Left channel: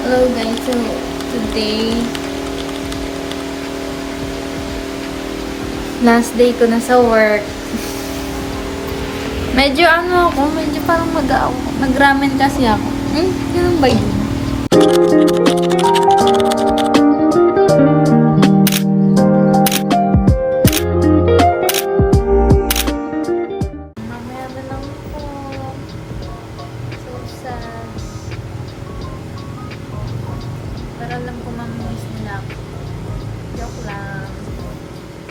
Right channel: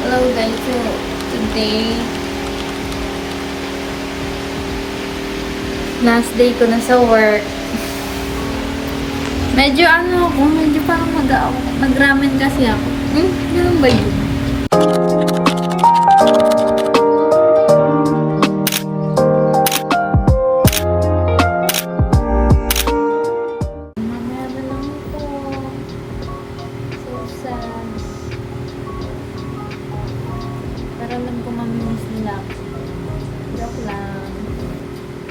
Hello guys, so today, last day ko na sa work. Medyo medyo parang mag-ramen kasi ako. Ganun ba yun? Mamaya na lang po. So sad. Pero alam ko mamimiss nila ako. Joke lang.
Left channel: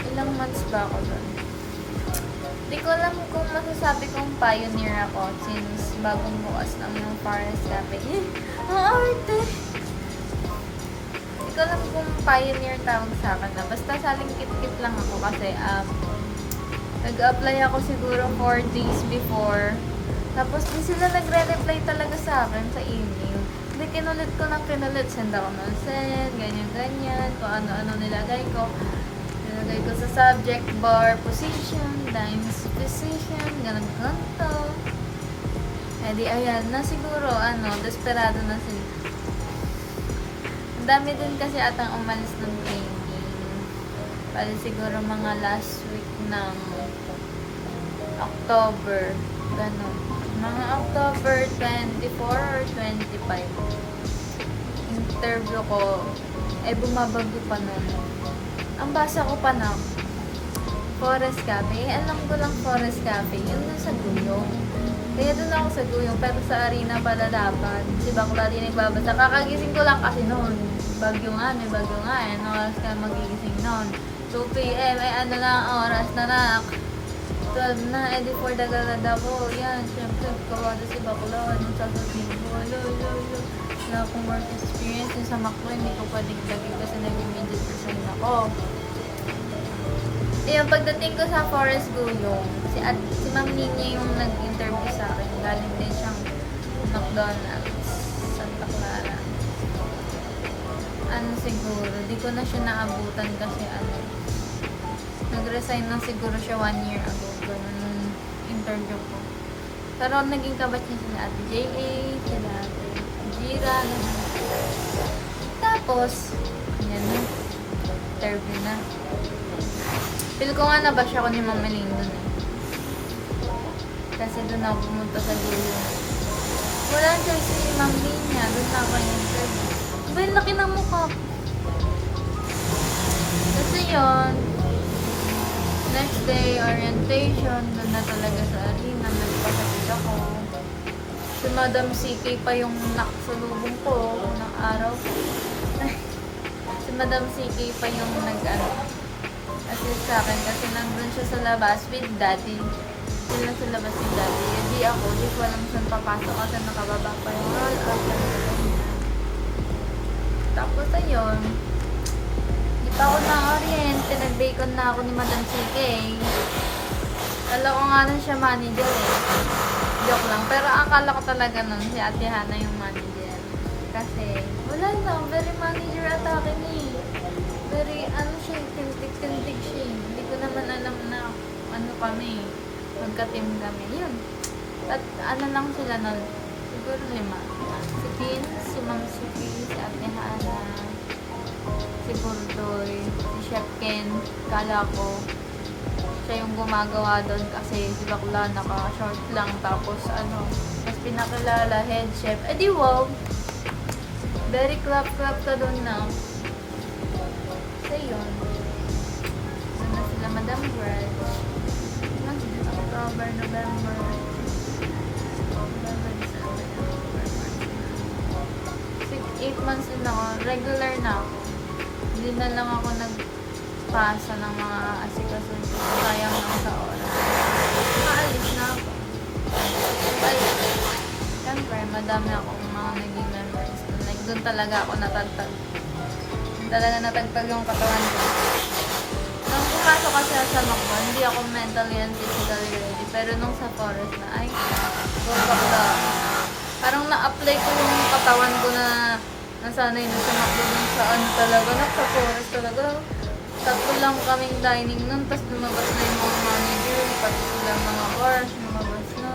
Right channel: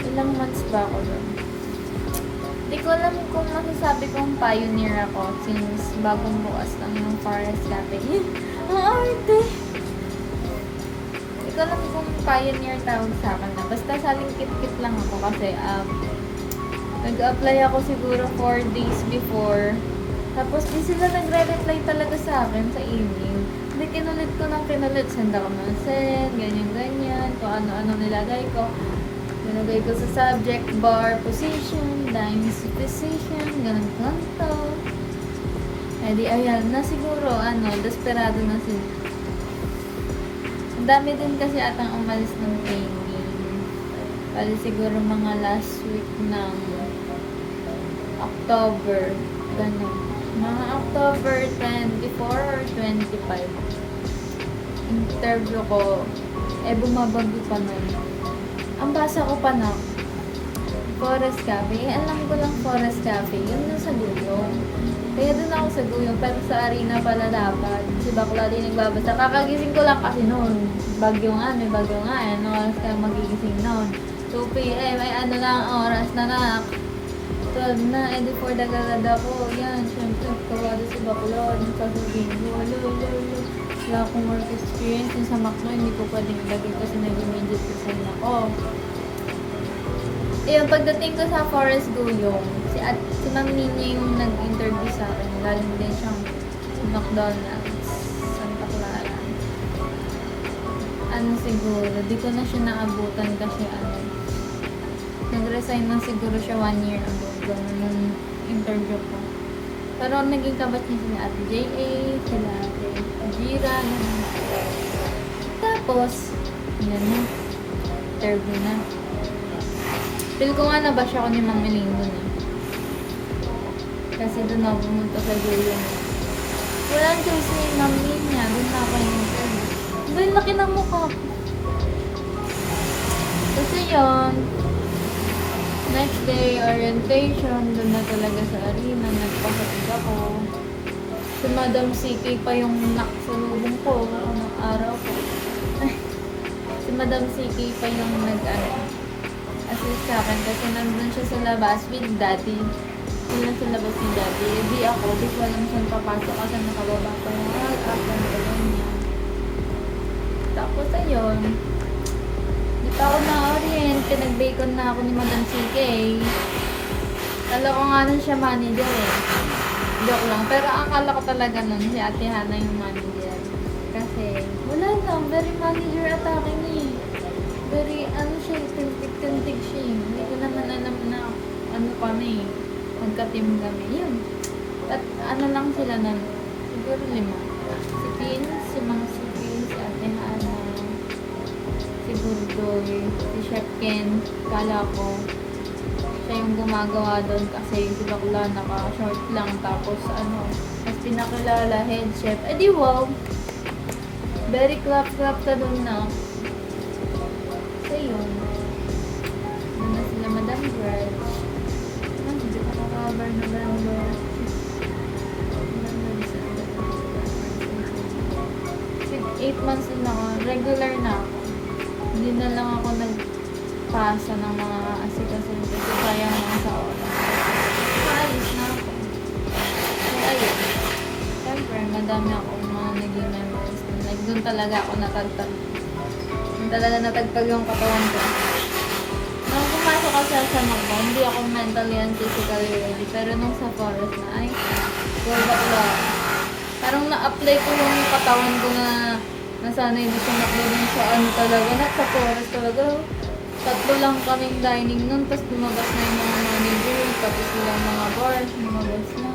Ilang months ba ako doon? Hindi ko alam kung masasabi kong pioneer ako since bagong bukas lang ng Forest Cafe. Ang arte! Hindi ko alam kung pioneer tawag sa akin na. Basta saling kit-kit lang ako kasi nag-apply ako siguro 4 days before. Tapos di sila nagre-reply talaga sa akin sa email. Hindi, kinulit ko ng kinulit. Send ako ng send, ganyan-ganyan. Kung ano-ano nilagay ko. Nilagay ko sa subject bar, position, times position, ganun-ganto. Eh di ayan, na siguro, desperado na sila. Ang dami din kasi atang umalis ng training. Bali siguro mga last week ng October, ganun. Mga October 24 or 25. Interview ko, bumabago pa nun. Ang basa ko pa na Forest Cafe. Alam ko lang Forest Cafe. Yun na sa Guyong. Kaya doon ako sa Guyong. Pero sa Arena pala dapat. Si Bakla din nagbabasa. Kakagising ko lang kasi noon. Bagyo nga. May bagyo nga. Ano oras kayo magigising noon? 2 p.m. Ay ano lang oras na nak. 12 na. Eh di for dagalad ako. Yan. Siyempre kawado si Bakla. Yung sasabihin ko. Lolo. Wala akong work experience. Yung sa McDo, hindi ko pwedeng ilagay kasi nag-immediate resign ako. Ayun, pagdating ko sa Forest Guyong, si Ma'am Ninya yung nag-interview sa akin. Galing din siyang McDonald's, Santa Clara. Siguro, di ko na siya naabutan kasi nag-resign na siguro siya 1 year ago. Ganun nung interview ko. Pero naging kabat niya sila Ate J.A., sila Ate Jira, ganun. Tapos, yan na. Interview na. Feel ko nga na-bash ako ni Ma'am Elaine dun eh. Kasi dun ako pumunta sa Guyong. Walang choice ni Ma'am Elaine niya. Dun na ako yung interview. Ba yung laki ng mukha ko. Kasi yun, next day, orientation, dun na talaga sa arena, nagpakatid ako. Si Madam CK pa yung nakasalubong ko ng araw ko. Si Madam CK pa yung assist sa akin kasi nandun siya sa labas with Daddy. Sila sa labas ni Daddy. Di ako, di ko alam saan papasok kasi nakababa pa yung roll-up and ganyan. Tapos ayun, di pa ako na-orient, pinag-bacon na ako ni Madam CK. Kala ko nga nun siya manager eh. Joke lang. Pero akala ko talaga nun si Ate Hana yung manager. Kasi wala lang, very manager atake niya eh. Very siya, tintig siya eh. Hindi ko naman alam na kami, magka-team kami. Yun. At lang sila nun, siguro 5. Si Kim, si Mang Siki, si Ate Hana, si Burdoy, si Chef Ken, kala ko. Siya yung gumagawa doon kasi si Bakla naka-short lang tapos at pinakilala head chef. Di wow! Very clap ka doon na. So yun. Doon na sila Madam Brad. Hindi pa cover November. November, December, November, 8 months din ako. Regular na ako. Hindi na lang ako pasa ng mga asikasun kasi sayang lang sa oras. Maalis na ako. So, ayun. Siyempre, madami akong mga naging memories. Like, doon talaga ako natagtag. Doon talaga natagtag yung katawan ko. Nung pumasok kasi sa McDo, hindi ako mentally and physically ready. Pero nung sa Forest na, go back lang. Parang na-apply ko yung katawan ko na nasanay na sa McDo dun sa talaga. Sa Forest talaga. 3 lang kaming dining nun, tapos lumabas na yung mga manager, pati silang mga bar, lumabas na.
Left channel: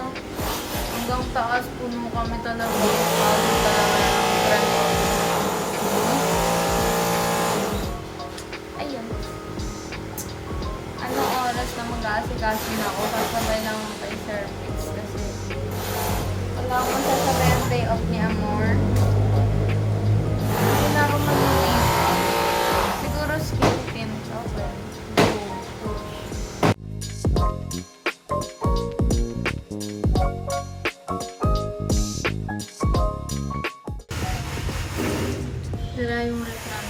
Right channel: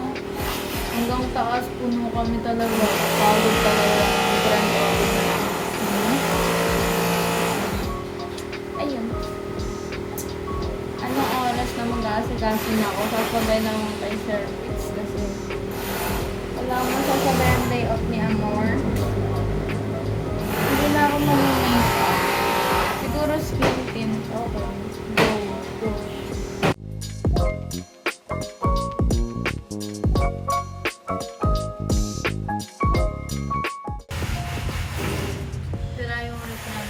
Hanggang taas, puno kami talaga. Pagod talaga ng grand Ayun. Anong oras na mag-aasikaso na ako? Sasabay naman kay Sir Fitz kasi wala mo sasabay ang day off ni Amor. Hindi na ako mag-makeup. Siguro skin tint. Okay. Go. Push. Sira yung ano.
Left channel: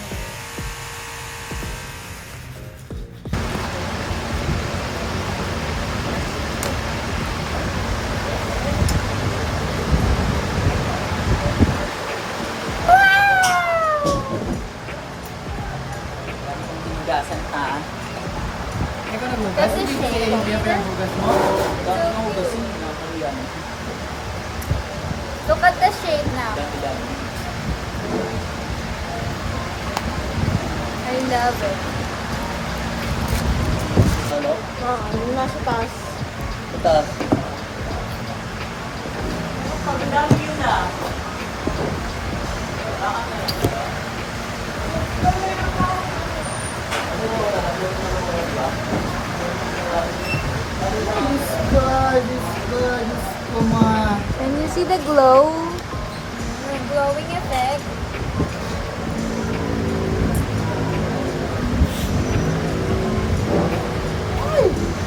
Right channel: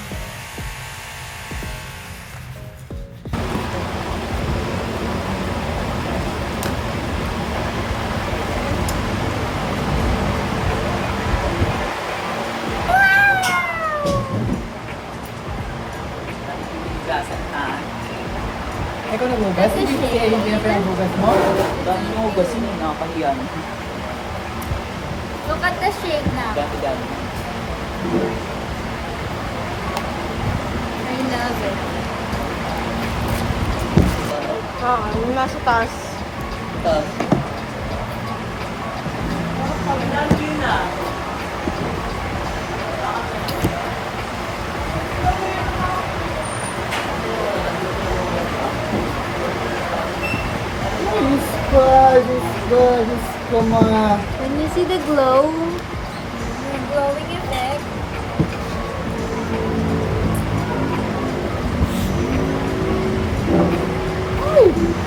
Ako na hugas? That's a Kasi shame. ayun niya pa yung hugas mo. Dami ng hugas yun, nakakahiyan. Look at the shade na. Dami. I love it. Nasa taas. Taas. Diyos ko, ma. Can you see the glow? The glowing effect.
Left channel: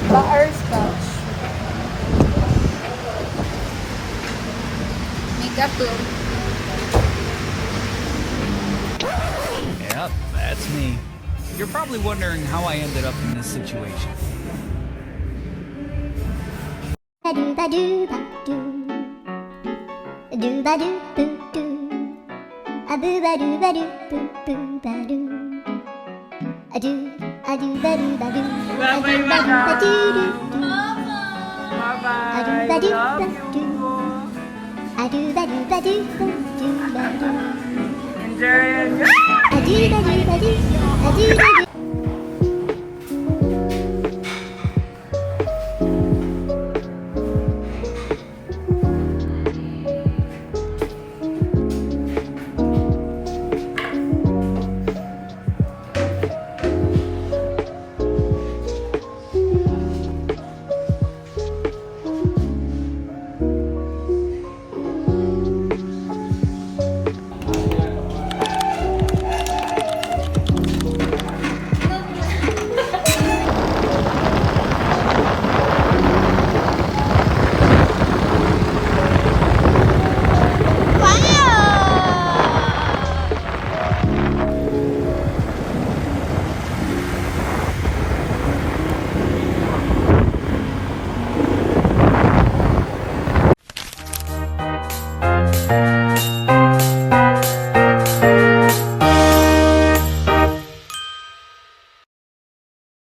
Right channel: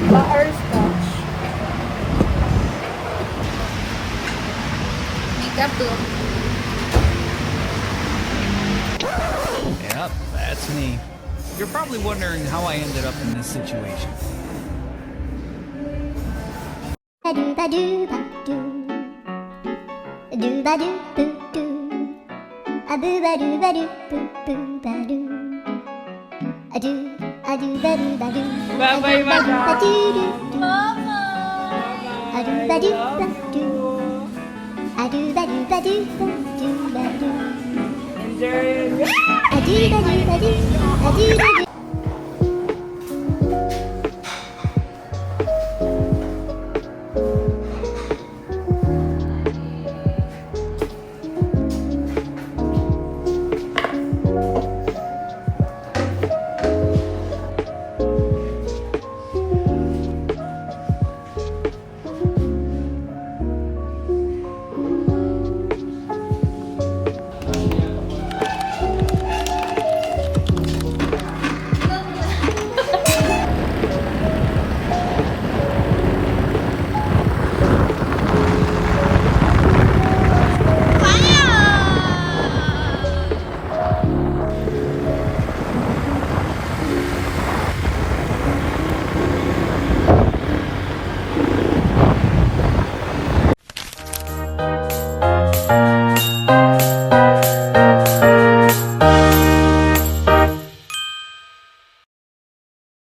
Butterscotch. Makeup look. Yep, that's me. You're probably wondering how I ended up in this situation. Ba do ba do ba do. Do ba do boo doo. A boo ba do ba do boo boo ba do. A do ba do ba do. Bye-bye, ba do ba do do do. Mama! A do ba do ba do. A do ba do ba do ba do ba do. Enjoy. A do ba do ba do. A do ba do.